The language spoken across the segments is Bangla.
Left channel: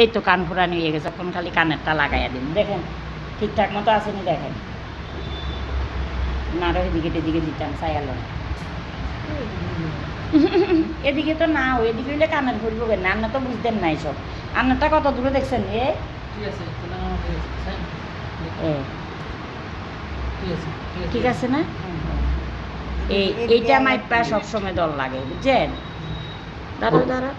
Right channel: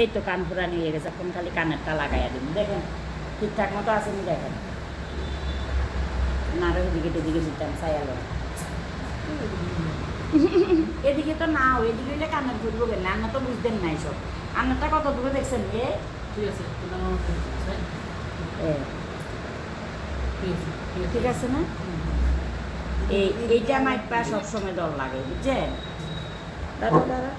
এই তো কান পুরানি হয়ে গেছে, এখন খালি কানেরটা লাগাইয়া দিন। দেখুন ঠিকঠাক মতো আসেনি, দেখেন না, এদিকে টেদিকে দিতাম সাইয়াল। এদিকে তো না, এদিকে হইলে কানের ফুলবো কেন? আপনার তো বুঝতেন নাই সব। আপনারটা কত দূরে দেখছেন? ঠিক আছে না? এইটা মাইপা সবসময় দল লাগে, বুঝছেন? দাঁড়া দাঁড়া,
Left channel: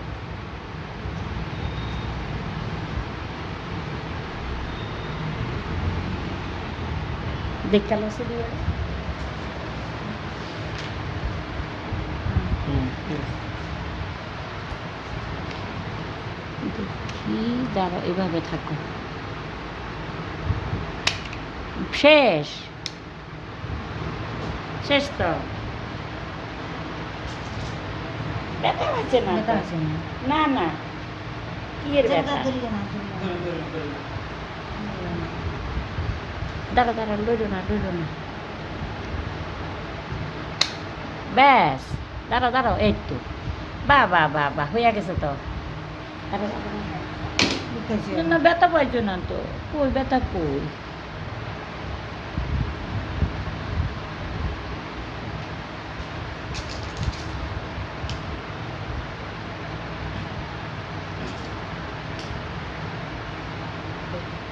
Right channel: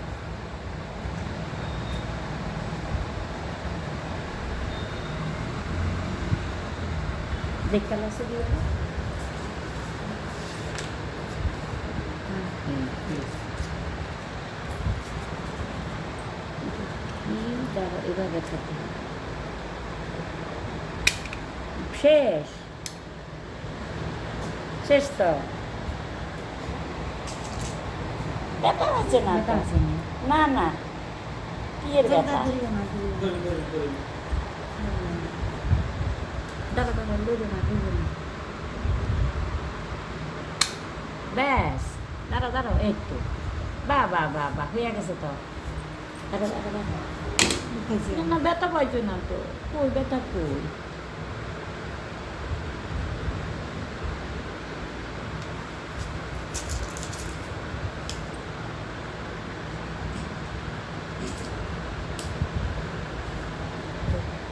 দেখতে আছে দিয়ে কি দাঁড়া, এভাবে থাকো। শেষ শেষ তো, ব্যথা আছে না তো? না না, কি এর ব্যথা? দাঁড়া দাঁড়া, লইল না লইল না, ব্যাস দাঁড়াও দাঁড়াও, এই তো, বা বা বা বা হইয়া গেছে তো। দাঁড়া দাঁড়া দাঁড়া, না না, ব্যথা পাইছো না তো, কই ব্যথা কই?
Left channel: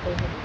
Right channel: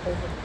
Thank you.